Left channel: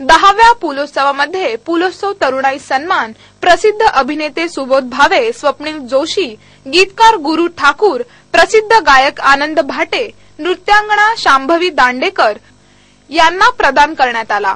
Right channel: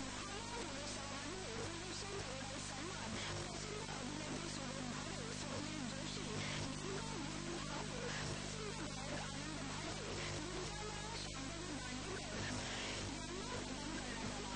दहाव्या पुलोत्सवामध्ये पुलोत्सव तरुणाई सन्मान प्रसिद्ध अभिनेते सुबोध भावे स्वप्नील जोशी गीतकार गुरु ठाकूर प्रसिद्ध गायक आनंद भाटे नृत्यांगणा शांभवी दांडेकर यांना प्रदान करण्यात आला.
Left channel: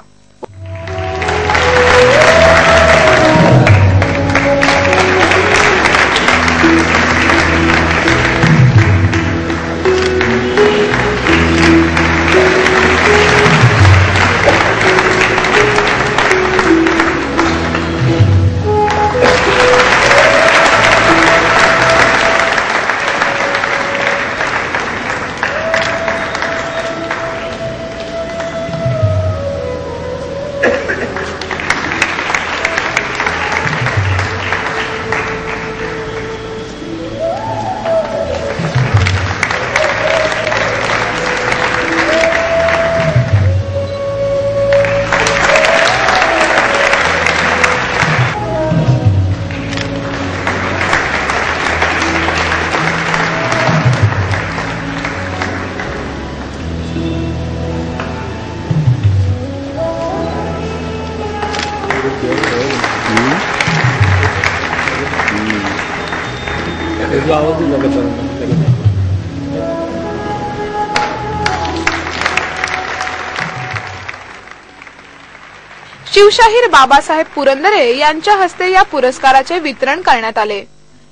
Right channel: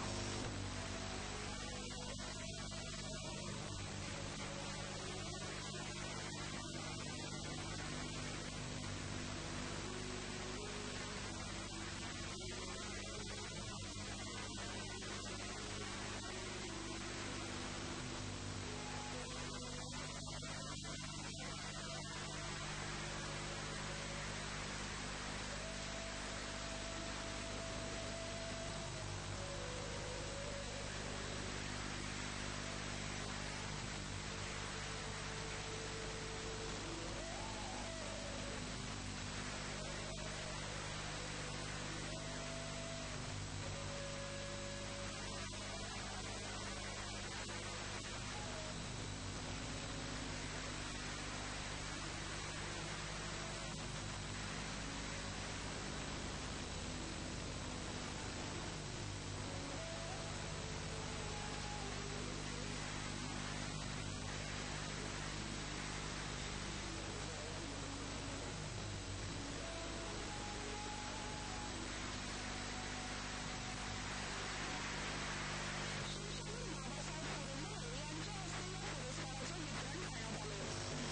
शिवशाहीर बाबासाहेब पुरंदरे यांच्या हस्ते या पुरस्काराचे वितरण करण्यात आले.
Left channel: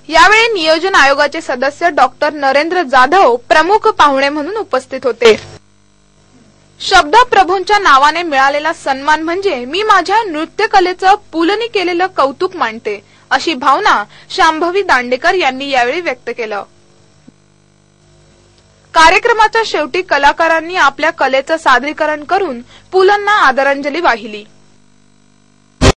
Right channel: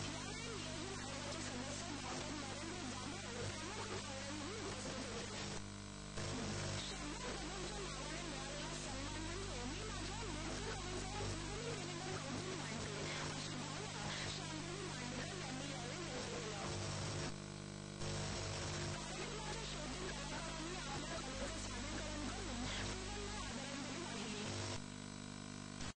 यावेळी नियोजन आयोगाचे सदस्य डॉक्टर नरेंद्र जाधव प्रमुख पाहुणे म्हणून उपस्थित होते. शब्द प्रभूंच्या नावाने मिळालेला सन्मान म्हणजे मी माझ्या नृत्यकलेचं पुलनी केलेलं कौतुक मानते अशी भावना शांभवी दांडेकर यांनी यावेळी व्यक्त केलं. कार्यक्रमाच्या शेवटी कलाकारांनी आपल्या कलेचं सादरीकरण करून पुलंना आदरांजली वाहिली.